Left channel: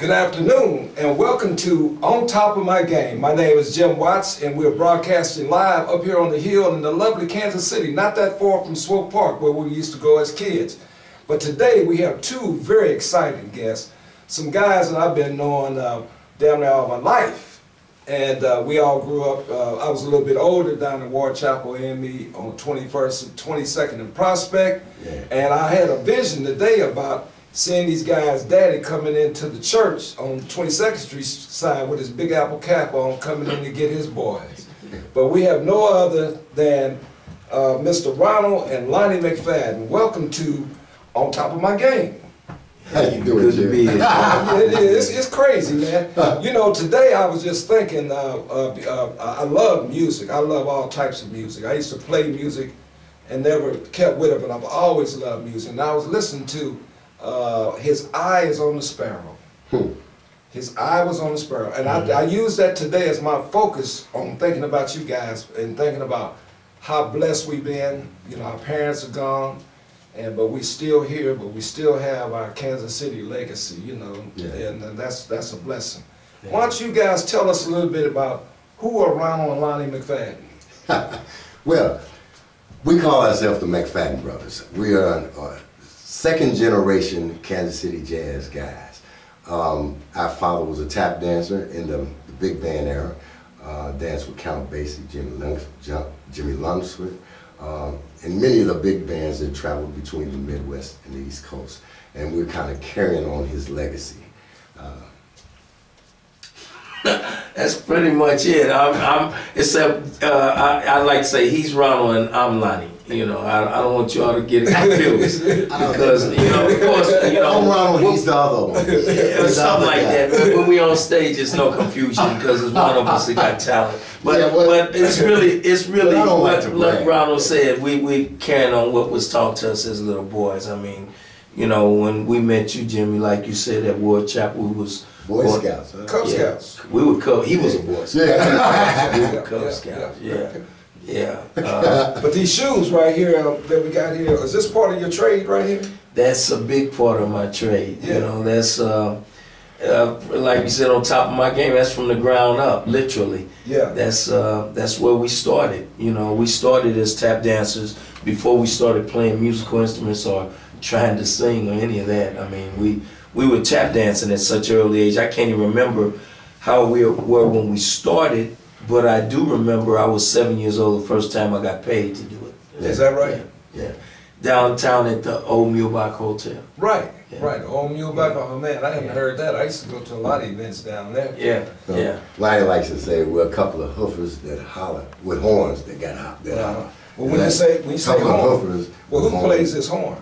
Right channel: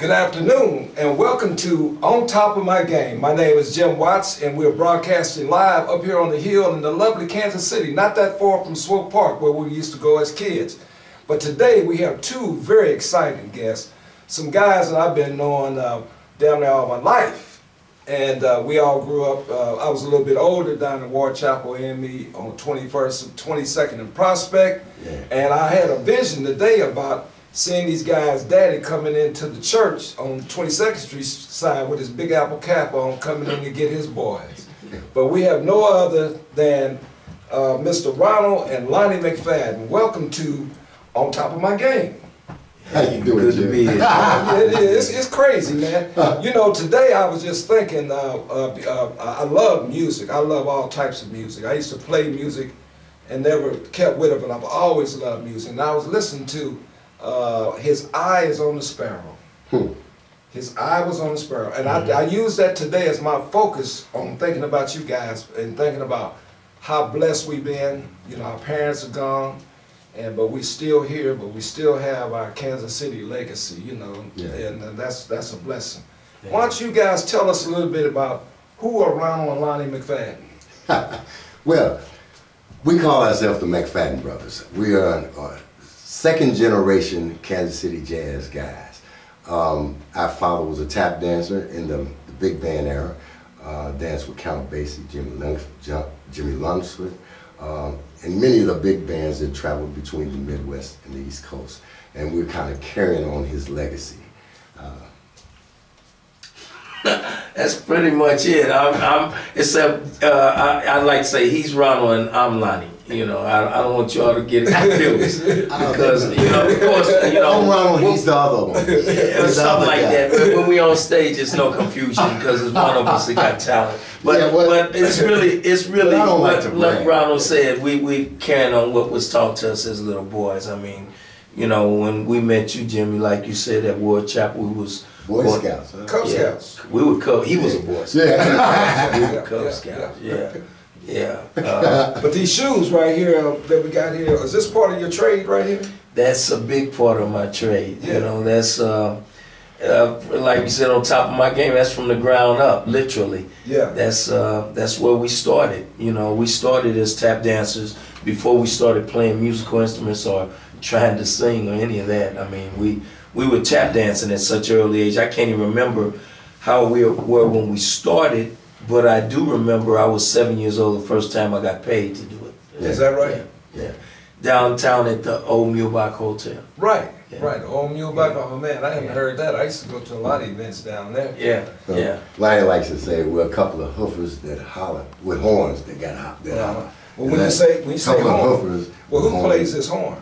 Good afternoon and welcome to On Top of My Game. My name is Jim Watts and we're broadcasting live up here on the hill in the lovely Kansas City, not that far from Swope Park where we used to go as kids. But today we have two very exciting guests, some guys that I've been knowing damn near all my life. And we all grew up, I was a little bit older down in Ward Chapel, AME on 21st and 22nd and Prospect. Yeah. And I had a vision today about seeing these guys' daddy coming into the church on 22nd Street side with his big apple cap on, coming in to get his boys. But we have no other than Mr. Ronald and Lonnie McFadden. Welcome to On Top of My Game. How you doing, Good to be here. Yeah, it is. It's crazy, man. You know, today I was just thinking, I love music. I love all types of music. I used to play music and never kept with it, but I've always loved music. And I was listening to His Eye is on the Sparrow. His eye was on the sparrow. And I use that today as my focus on thinking about you guys and thinking about how blessed we've been. You know, our parents are gone, but we're still here, but we still have our Kansas City legacy, you know, and that's a blessing. Yeah. Why don't you guys tell us a little bit about who are Ronald and Lonnie McFadden? Well, we call ourselves the McFadden brothers. We are second generation Kansas City jazz guys. Our father was a tap dancer in the big band era, danced with Count Basie, Jimmy Lunsford, and many of the big bands that traveled between the Midwest and the East Coast. And we're kind of carrying on his legacy. That's pretty much it. Except I like to say he's Ronald and I'm Lonnie. You know, I don't want y'all to get confused because of course, I'm Ronald, he's the other one. Yeah, something like that. When we on stage, it's no confusion because it's one of us that got talent. But but it's really what Ronald said. We carrying on what was taught to us as little boys. I mean, you know, when we met you, Jimmy, like you said, at Ward Chapel, we was Boy Scouts, huh? Cub Scouts. We were Cub. He was a Boy Scout. Yeah. We were Cub Scouts. Yeah. But these shoes right here that we got here, is this part of your trade right here? That's a big part of my trade. Yeah. You know, that's like you said, on top of my game. That's from the ground up, literally. Yeah. That's where we started. You know, we started as tap dancers before we started playing musical instruments or trying to sing or any of that. I mean, we were tap dancing at such an early age. I can't even remember how we were when we started, but I do remember I was 7 years old the first time I got paid to do it. Is that right? Yeah. Downtown at the Old Mulebach Hotel. Right, right. Old Mulebach. Oh man, I haven't heard that. I used to go to a lot of events down there. Yeah. Lonnie likes to say we're a couple of hoofers that holler with horns that got holler. Well, when you say horn, well, who plays this horn?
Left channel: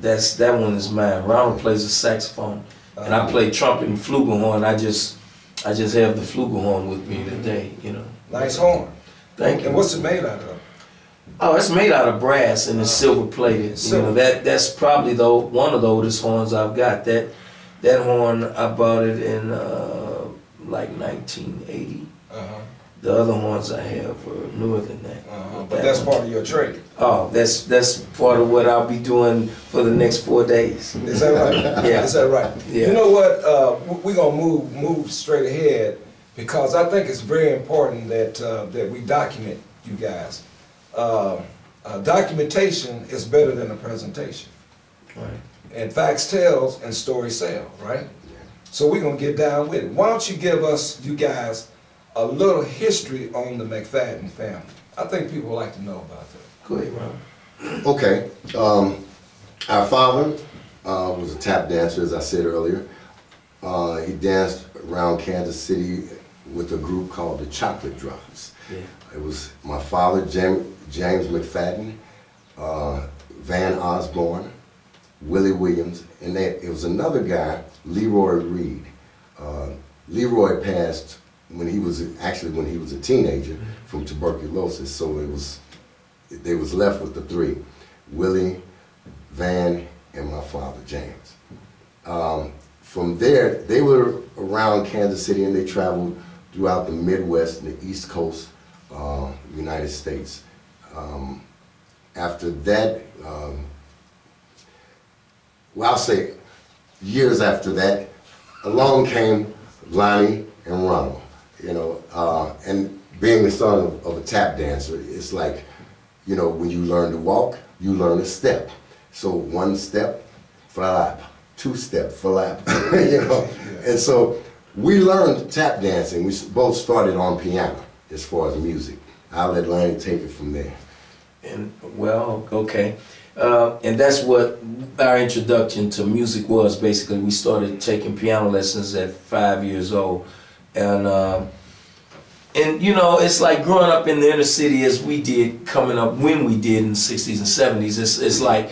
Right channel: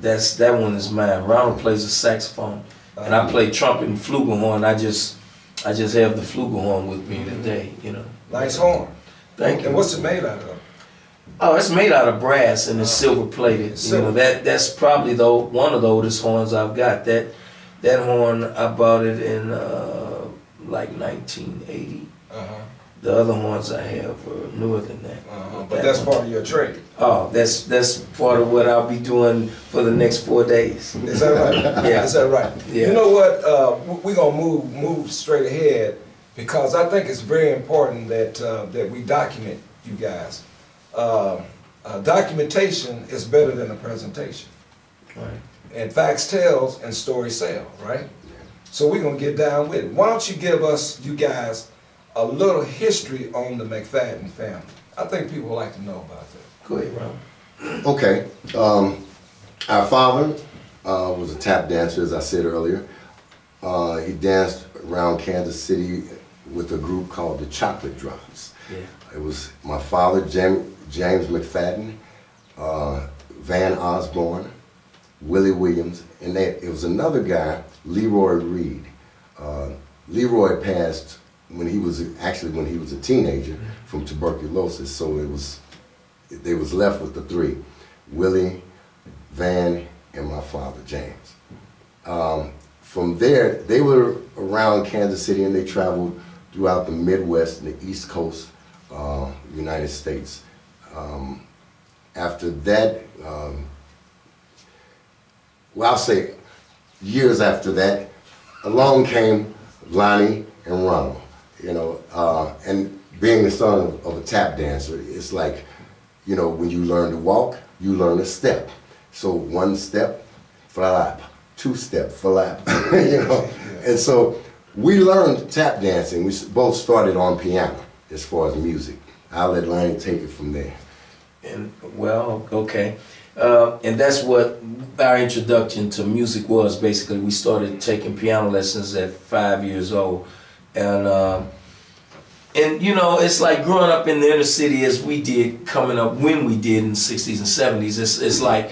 That one is mine. Ronald plays the saxophone, and I play trumpet and flugelhorn. I just have the flugelhorn with me today. You know. Nice horn. Thank you. And what's it made out of? Oh, it's made out of brass and it's silver plated. You know, that's probably one of the oldest horns I've got. That horn I bought it in like 1980. The other horns I have are newer than that. But that's part of your trade. Oh, that's part of what I'll be doing for the next 4 days. Is that right? Yeah. Is that right? Yeah. You know what? We're gonna move straight ahead because I think it's very important that we document you guys. Documentation is better than a presentation. Right. And facts tells and stories sell, right? Yeah. So we're gonna get down with it. Why don't you give us, you guys, a little history on the McFadden family? I think people would like to know about that. Go ahead, Ron. Okay. Our father was a tap dancer, as I said earlier. He danced around Kansas City with a group called the Chocolate Drops. Yeah. It was my father, James McFadden, Van Osborne, Willie Williams, and it was another guy, Leroy Reed. Leroy passed when he was a teenager from tuberculosis, so they was left with the three, Willie, Van, and my father, James. From there, they were around Kansas City and they traveled throughout the Midwest and the East Coast, United States. After that, well, I'll say years after that, along came Lonnie and Ronald, you know, and being the son of a tap dancer, it's like, you know, when you learn to walk, you learn a step. So one step, flap, two step, flap, you know. And so we learned tap dancing. We both started on piano as far as music. I'll let Lonnie take it from there. And well, okay. And that's what our introduction to music was. Basically, we started taking piano lessons at 5 years old, and you know, it's like growing up in the inner city as we did, coming up when we did in the 60s and 70s. It's like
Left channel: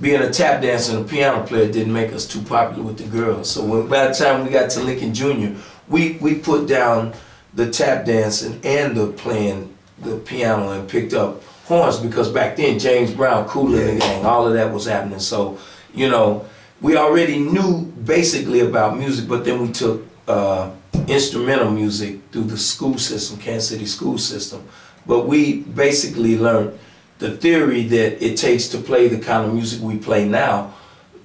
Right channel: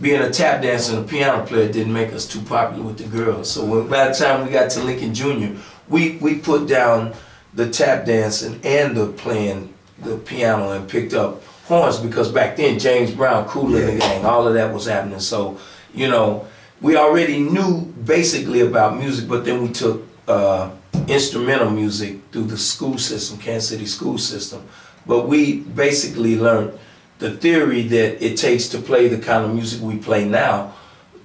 being a tap dancer and a piano player didn't make us too popular with the girls. So by the time we got to Lincoln Jr., we put down the tap dancing and the playing the piano and picked up horns, because back then James Brown, Kool and the Gang, all of that was happening. So, you know, we already knew basically about music, but then we took instrumental music through the school system, Kansas City school system. But we basically learned the theory that it takes to play the kind of music we play now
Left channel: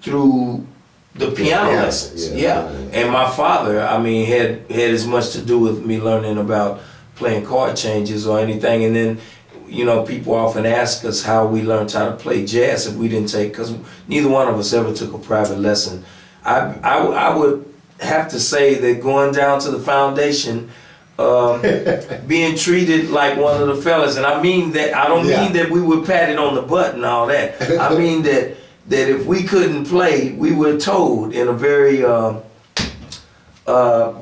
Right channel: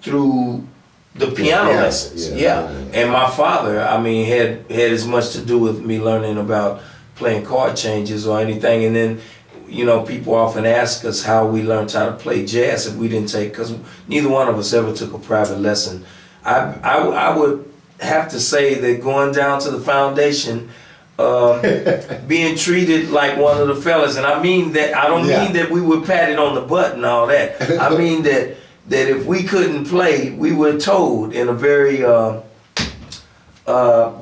through the piano lessons. Yeah. And my father, I mean, had as much to do with me learning about playing chord changes or anything. And then, you know, people often ask us how we learned how to play jazz if we didn't take, because neither one of us ever took a private lesson. I would have to say that going down to the foundation, being treated like one of the fellas, and I mean that, I don't mean that we were patted on the butt and all that. I mean that if we couldn't play, we were told in a very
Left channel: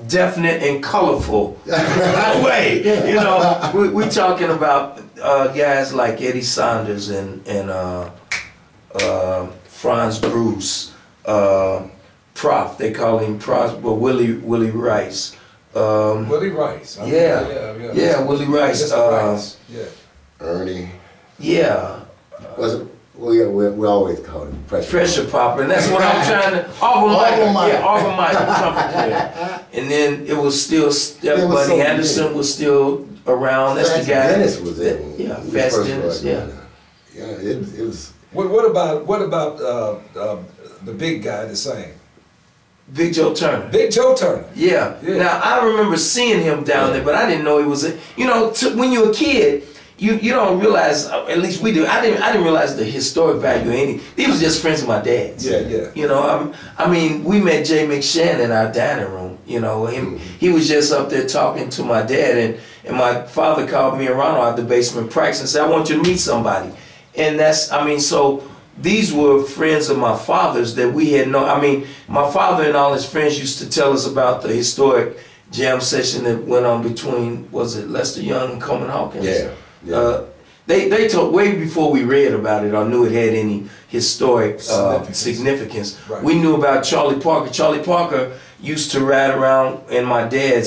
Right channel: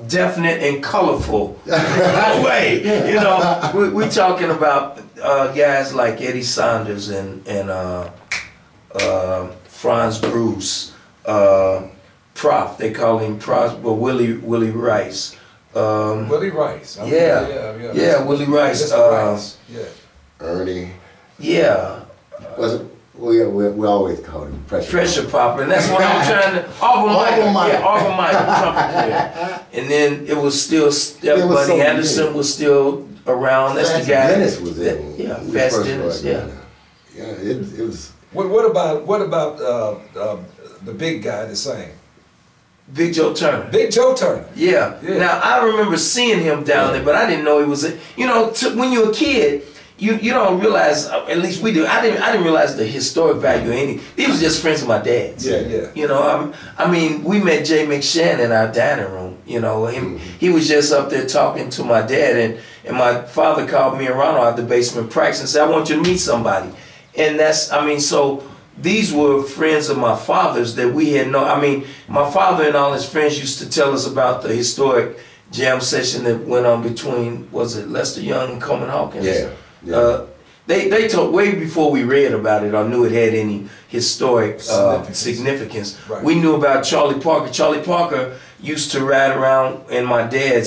definite and colorful way. You know, we're talking about guys like Eddie Saunders and Franz Bruce, Prof, they call him Prof, but Willie Rice. Willie Rice. Willie Rice. Ernie. Yeah. We always call him Pressure Popper, and that's what I'm trying to. Auburn Mike, trumpet player. And then it was still Buddy Anderson was still around. That's the guy. Dennis was in. Yeah, Fast Dennis. Yeah. Yeah, it was. What about the big guy that sang? Big Joe Turner. Big Joe Turner. Yeah. Now I remember seeing him down there, but I didn't know he was. You know, when you're a kid, you don't realize. At least we do. I didn't realize the historic value of any. He was just friends of my dad's. Yeah. You know, I mean, we met Jay McShann in our dining room. You know, he was just up there talking to my dad, and my father called me and Ronald out the basement practice and said, "I want you to meet somebody." And that's, I mean, so. These were friends of my father's that we had no. I mean, my father and all his friends used to tell us about the historic jam session that went on between, was it Lester Young and Coleman Hawkins? Yeah. They told way before we read about it or knew it had any historic significance. Right. We knew about Charlie Parker. Charlie Parker used to ride around, and my dad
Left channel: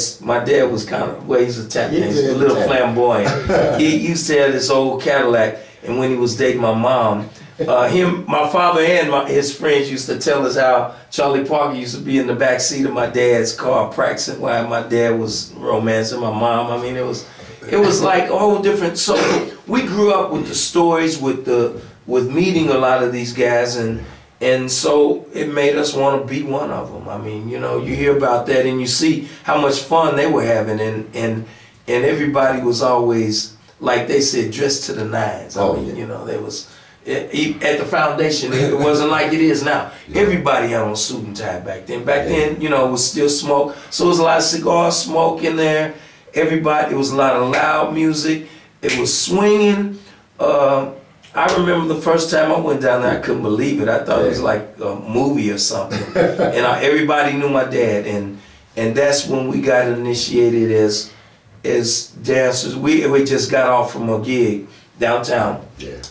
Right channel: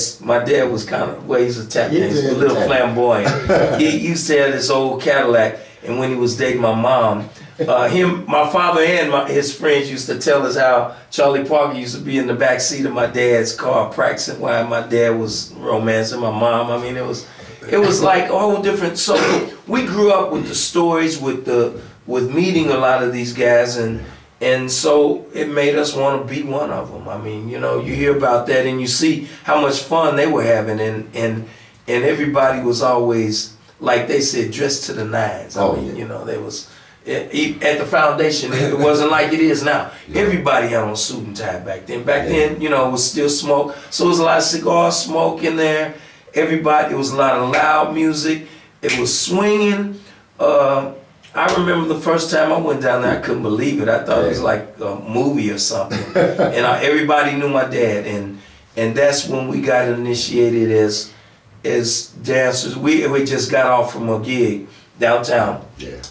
was kind of, well, he's a tap dancer, a little flamboyant. He used to have this old Cadillac, and when he was dating my mom, my father and his friends used to tell us how Charlie Parker used to be in the back seat of my dad's car practicing while my dad was romancing my mom. I mean, it was like a whole different. So we grew up with the stories, with meeting a lot of these guys, and so it made us want to be one of them. I mean, you know, you hear about that and you see how much fun they were having, and everybody was always, like they said, dressed to the nines. I mean, you know, they was. At the foundation, it wasn't like it is now. Everybody had on suit and tie back then. Back then, you know, it was still smoke. So it was a lot of cigar smoke in there. Everybody, it was a lot of loud music. It was swinging. I remember the first time I went down there, I couldn't believe it. I thought it was like a movie or something. And everybody knew my dad. And that's when we got initiated as dancers. We just got off from a gig downtown. Yeah.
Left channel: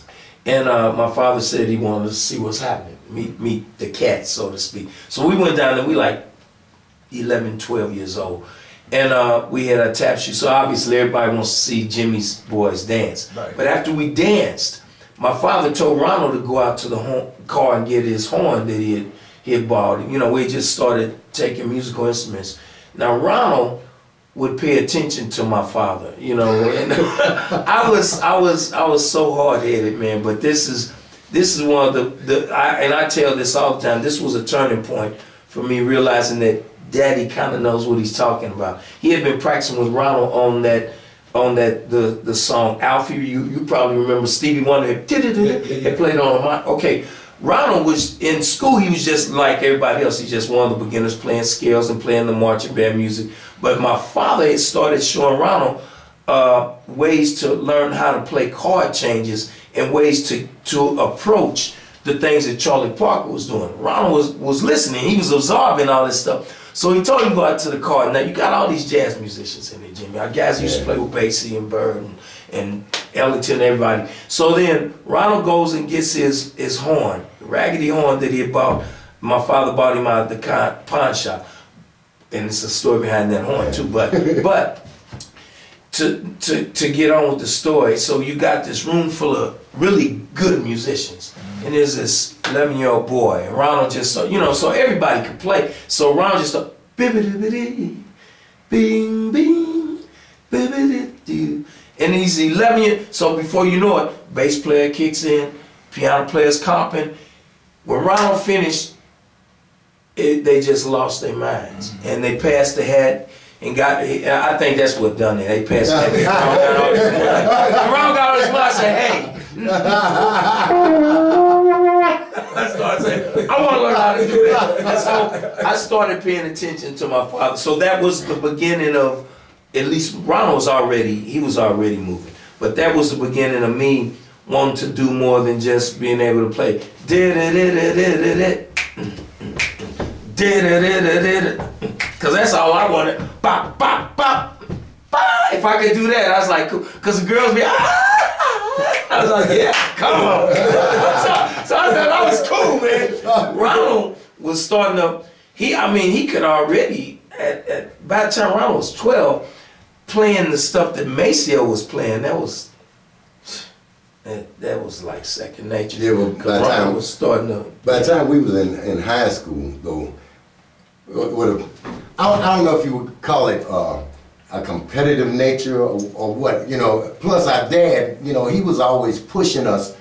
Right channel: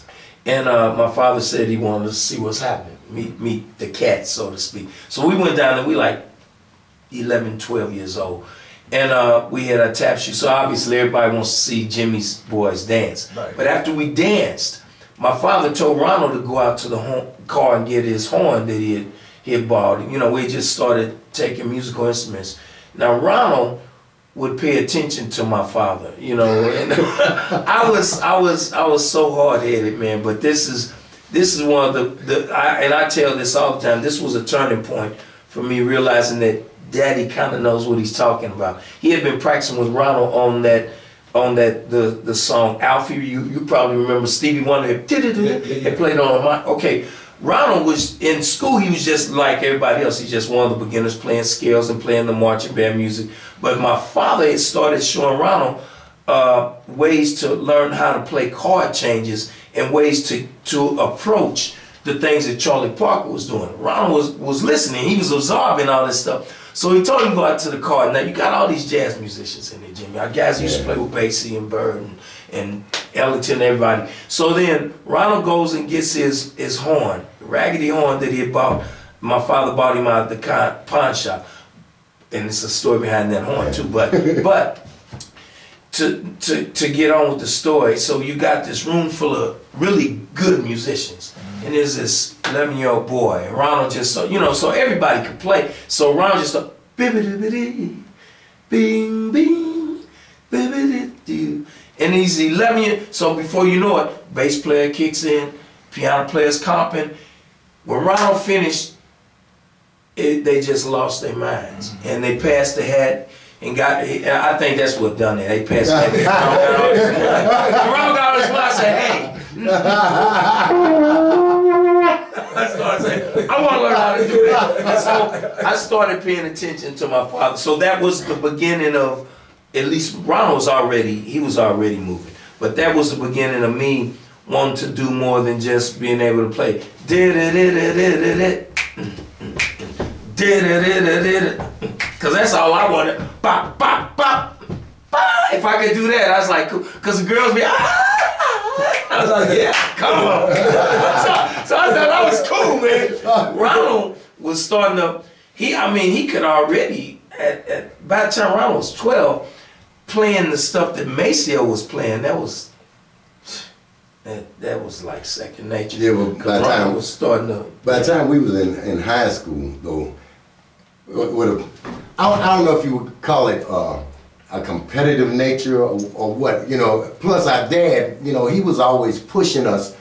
And my father said he wanted to see what's happening, meet the cats, so to speak. So we went down there, we like 11, 12 years old. And we had a tap shoe, so obviously everybody wants to see Jimmy's boys dance. Right. But after we danced, my father told Ronald to go out to the car and get his horn that he had bought. You know, we just started taking musical instruments. Now Ronald would pay attention to my father, you know, and I was so hard-headed, man. But this is one of the I tell this all the time. This was a turning point for me realizing that Daddy kind of knows what he's talking about. He had been practicing with Ronald on the song Alfie. You probably remember Stevie Wonder had played on a mic. Okay, Ronald was in school. He was just like everybody else. He's just one of the beginners playing scales and playing the marching band music. But my father had started showing Ronald ways to learn how to play chord changes and ways to approach the things that Charlie Parker was doing. Ronald was listening. He was absorbing all this stuff. So he told him to go out to the car. Now you got all these jazz musicians in there, Jimmy. Our guys used to play with Basie and Bird and Ellington and everybody. So then Ronald goes and gets his horn, raggedy horn that he had bought. My father bought him out of the pawn shop. And it's a story behind that horn too. But to get on with the story, so you got this room full of really good musicians. And there's this 11-year-old boy, and Ronald just, so everybody could play. So Ronald just started, bibbidi bing, bing, bibbidi. And he's 11 years, so before you know it, bass player kicks in, piano player's comping. When Ronald finished, they just lost their minds. And they passed the hat and I think that's what done it. They passed the hat. Ronald got all his money. I said, hey. I started saying, I want to learn how to do that. And so I started paying attention to my father. So that was the beginning of, at least Ronald was already moving. But that was the beginning of me wanting to do more than just being able to play. Because that's all I wanted. Bop, bop, bop, bop. If I could do that, I was like, because the girls be, I was like, yeah, come on. so I thought that was cool, man. Ronald was starting to, he could already, by the time Ronald was 12, playing the stuff that Maceo was playing, that was like second nature. Yeah, well, by the time we was in high school, though, I don't know if you would call it a competitive nature or what, plus our dad, he was always pushing us,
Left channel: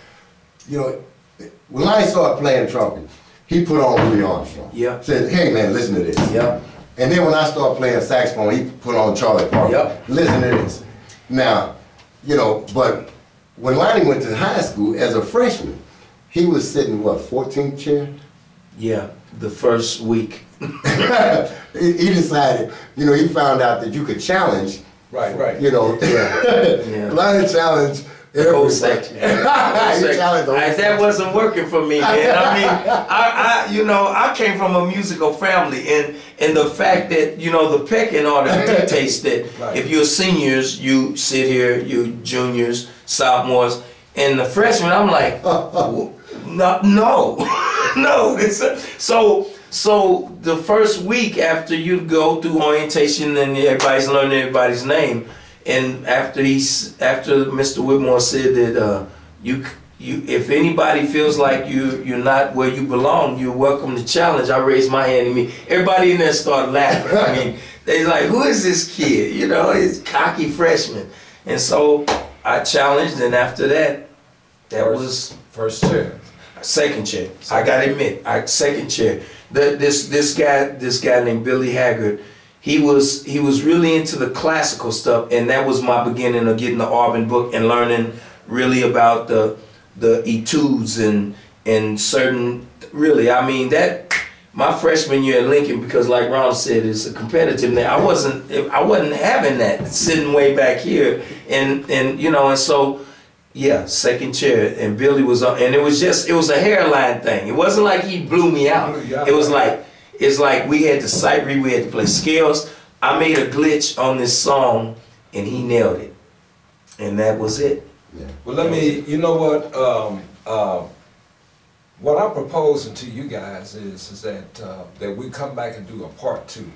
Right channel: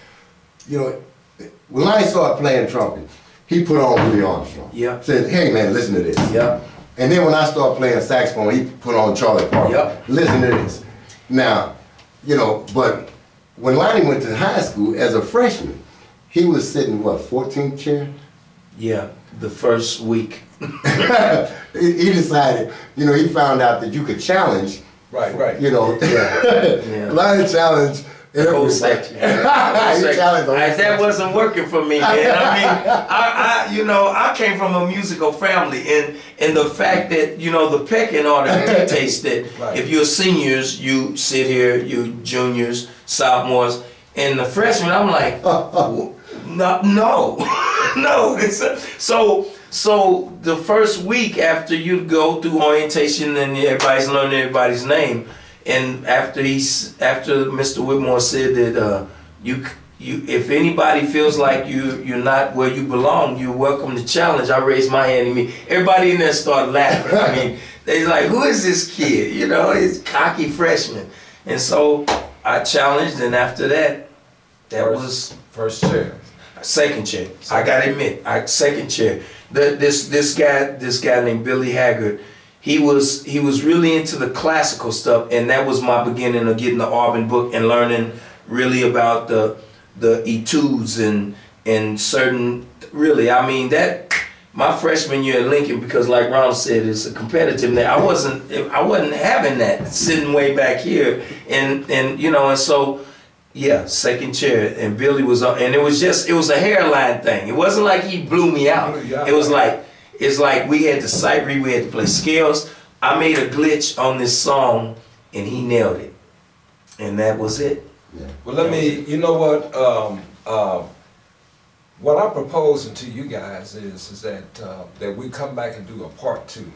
when I started playing trumpet, he put on Louis Armstrong. Yeah. Said, hey man, listen to this. Yeah. And then when I started playing saxophone, he put on Charlie Parker. Yep. Listen to this. Now, but when Lonnie went to high school as a freshman, he was sitting, 14th chair? Yeah, the first week. He decided, he found out that you could challenge. Right. Yeah. Lonnie challenged everybody. Section. That wasn't working for me, man. I came from a musical family, and the fact that, the pecking order dictates that if you're seniors, you sit here, you juniors, sophomores, and the freshmen, I'm like, no. So the first week after you go through orientation and everybody's learning everybody's name, and after Mr. Whitmore said that if anybody feels like you're not where you belong, you're welcome to challenge. I raised my hand and everybody in there started laughing. They're like, who is this kid? He's cocky freshman. And so I challenged, and after that was first chair. Second chair. I gotta admit, second chair. This guy named Billy Haggard, he was really into the classical stuff, and that was my beginning of getting the Auburn book and learning really about the etudes and certain, really, that my freshman year at Lincoln, because like Ronald said, it's a competitive thing. I wasn't having that sitting way back here, and so. Yeah, second chair, and Billy was on, and it was a hairline thing. It wasn't like he blew me out. It's like we had to sight read, we had to play scales. I made a glitch on this song, and he nailed it, and that was it. Yeah. Well, what I'm proposing to you guys is that we come back and do a part 2.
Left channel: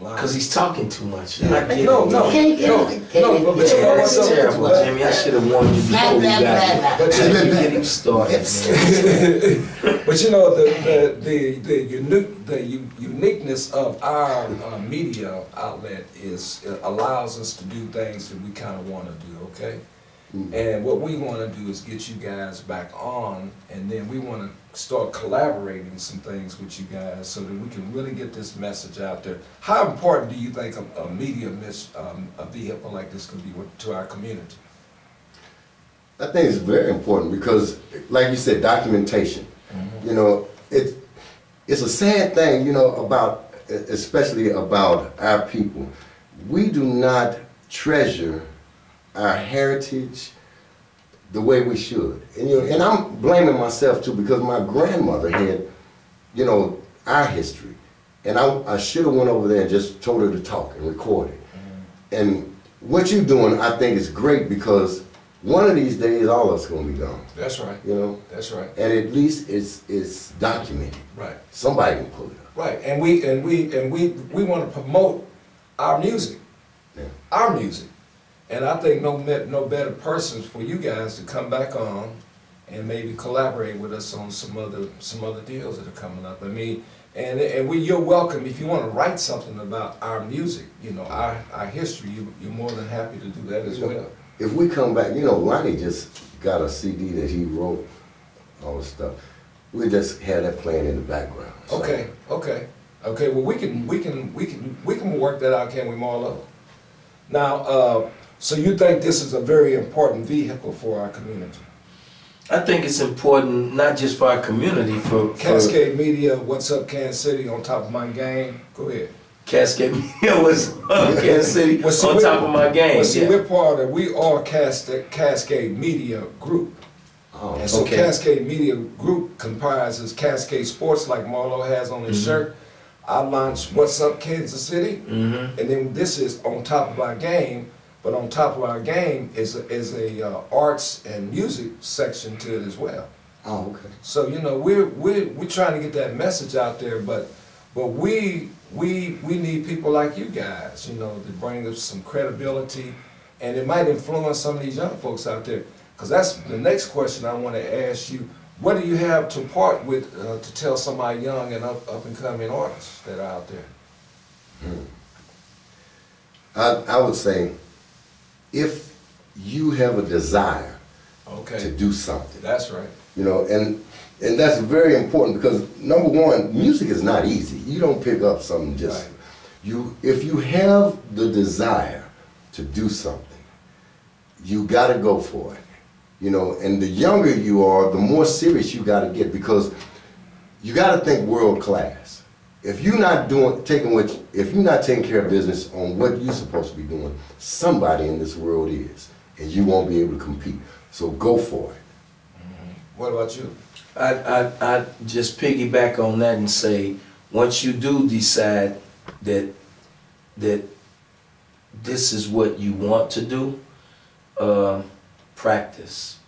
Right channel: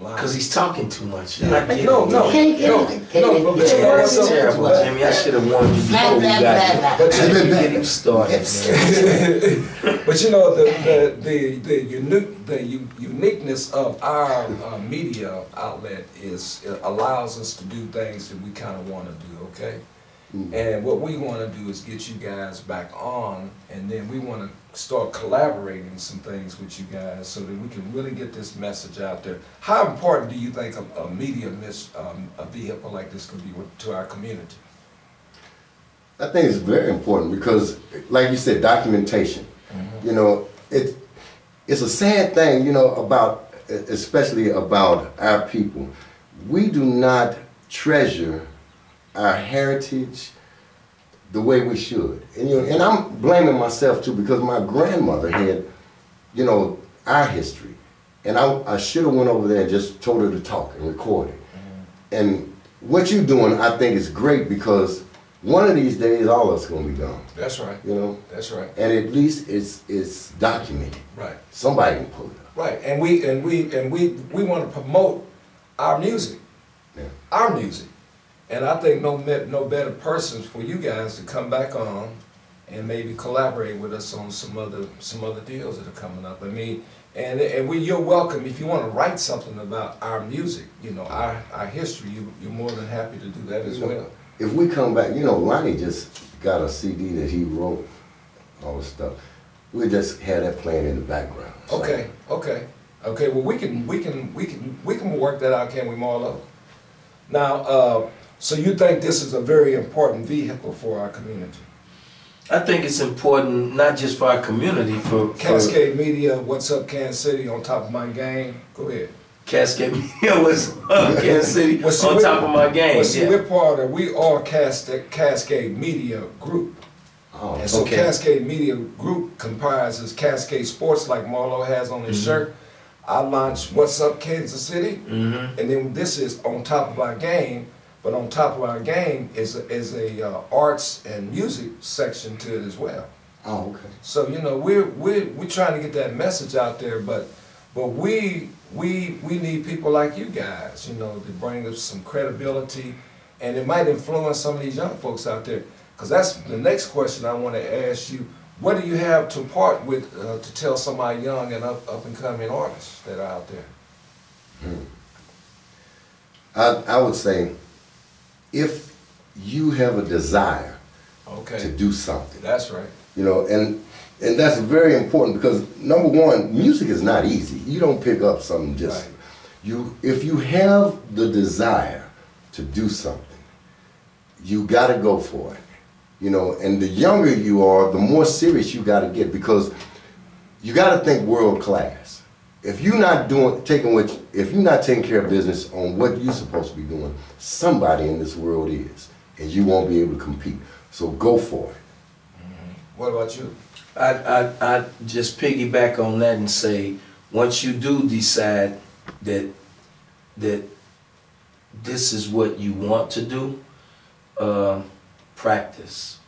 Because he's talking too much. No. But you know what's terrible, Jimmy. I should have warned you before we got here. But you get him started, man. But the uniqueness of our media outlet allows us to do things that we kind of want to do. Okay. And what we want to do is get you guys back on, and then we want to start collaborating some things with you guys so that we can really get this message out there. How important do you think a media a vehicle like this could be to our community? I think it's very important because, like you said, documentation. You know, it's a sad thing, you know, especially about our people. We do not treasure our heritage the way we should. And, you know, and I'm blaming myself too, because my grandmother had, you know, our history. And I should have went over there and just told her to talk and record it. And what you're doing, I think, is great, because one of these days, all of us gonna be gone. That's right. You know? That's right. And at least it's documented. Right. Somebody can pull it up. Right. And we want to promote our music. Yeah. Our music. And I think no better persons for you guys to come back on and maybe collaborate with us on some other deals that are coming up. I mean, you're welcome if you want to write something about our music, you know, our history. You're more than happy to do that as well. If we come back, you know, Lonnie just got a CD that he wrote, all the stuff. We just had that playing in the background. So. Okay. Well, we can work that out, can we, Marlo? Now, so you think this is a very important vehicle for our community? I think it's important not just for our community, for Cascade Media, What's Up Kansas City, On Top of My Game. Go ahead. Cascade Media was Kansas City, On Top of My Game. Well, see, we are Cascade Media Group. Oh, and so Cascade Media Group comprises Cascade Sports, like Marlo has on his shirt. I launched What's Up Kansas City, and then this is On Top of Our Game. But on top of our game is a arts and music section to it as well. Oh, okay. So you know we're trying to get that message out there, but we need people like you guys, you know, to bring us some credibility, and it might influence some of these young folks out there. Because that's the next question I want to ask you. What do you have to part with to tell some of our young and up and coming artists that are out there? I would say, if you have a desire to do something. That's right. You know, and that's very important, because number one, music is not easy. You don't pick up something just, if you have the desire to do something, you gotta go for it. You know, and the younger you are, the more serious you gotta get, because you gotta think world class. If you're not if you're not taking care of business on what you're supposed to be doing, somebody in this world is, and you won't be able to compete. So go for it. What about you? I just piggyback on that and say, once you do decide that this is what you want to do, practice.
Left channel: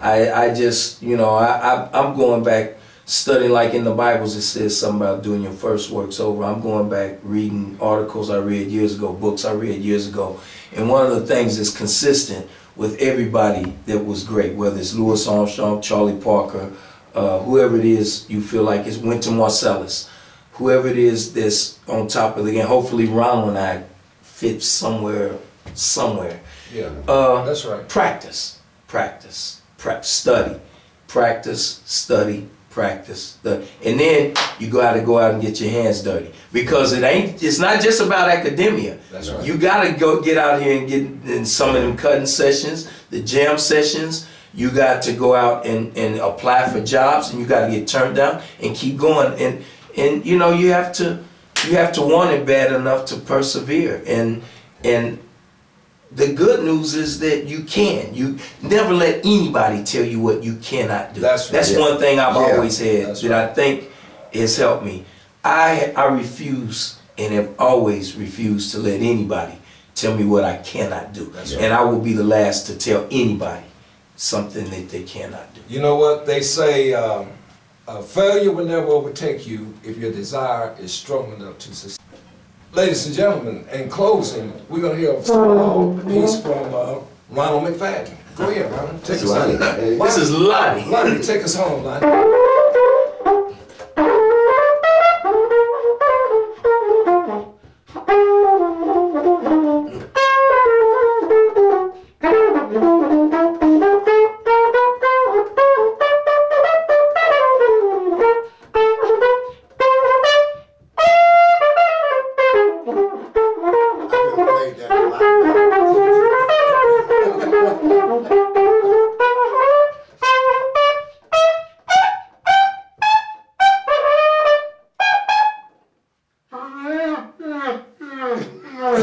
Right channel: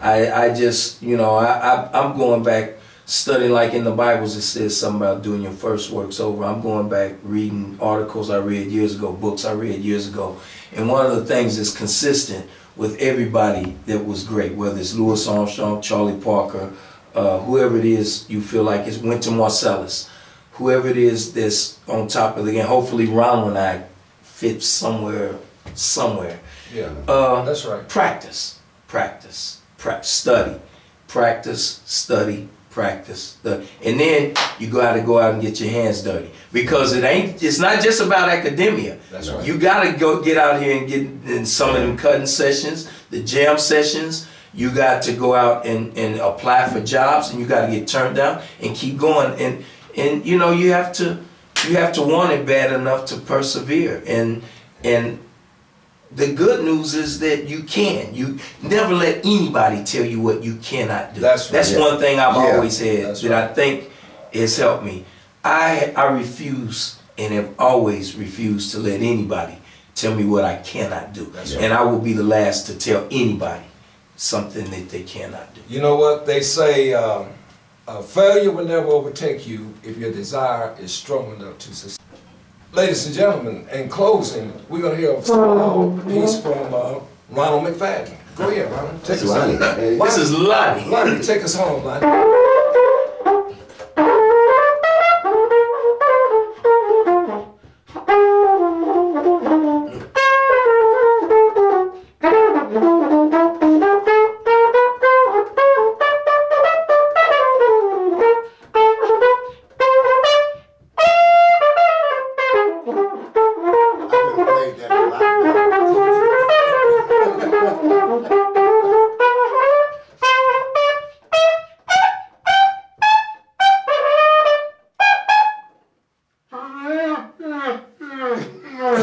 I just, you know, I'm going back, studying, like in the Bibles it says something about doing your first works over. I'm going back reading articles I read years ago, books I read years ago, and one of the things that's consistent with everybody that was great, whether it's Louis Armstrong, Charlie Parker, whoever it is you feel like it's Wynton Marsalis, whoever it is that's on top of the game. Hopefully Ronald and I fit somewhere. Yeah, that's right. Practice, study, practice, study, practice, and then you gotta go out and get your hands dirty, because it's not just about academia. That's right. You gotta go get out here and get in some of them cutting sessions, the jam sessions. You got to go out and apply for jobs, and you got to get turned down and keep going. And you know, you have to want it bad enough to persevere. And the good news is that you can. You never let anybody tell you what you cannot do. That's right. That's one thing I've always had that right. I think has helped me. I refuse and have always refused to let anybody tell me what I cannot do. That's and I will be the last to tell anybody something that they cannot do. You know what they say, failure will never overtake you if your desire is strong enough to succeed. Ladies and gentlemen, in closing, we're going to hear a small piece from Ronald McFadden. Go ahead, Ronald. Take us home. This is Lonnie. Lonnie, take us home, Lonnie.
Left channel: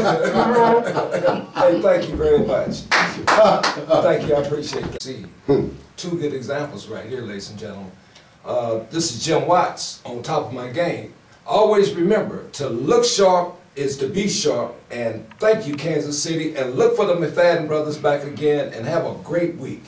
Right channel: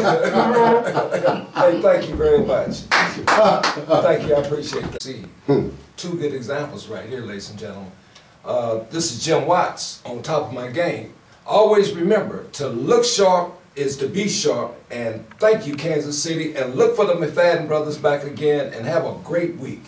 Hey, thank you very much. Thank you, I appreciate that. See, two good examples right here, ladies and gentlemen. This is Jim Watts on top of my game. Always remember, to look sharp is to be sharp, and thank you, Kansas City, and look for the McFadden brothers back again, and have a great week.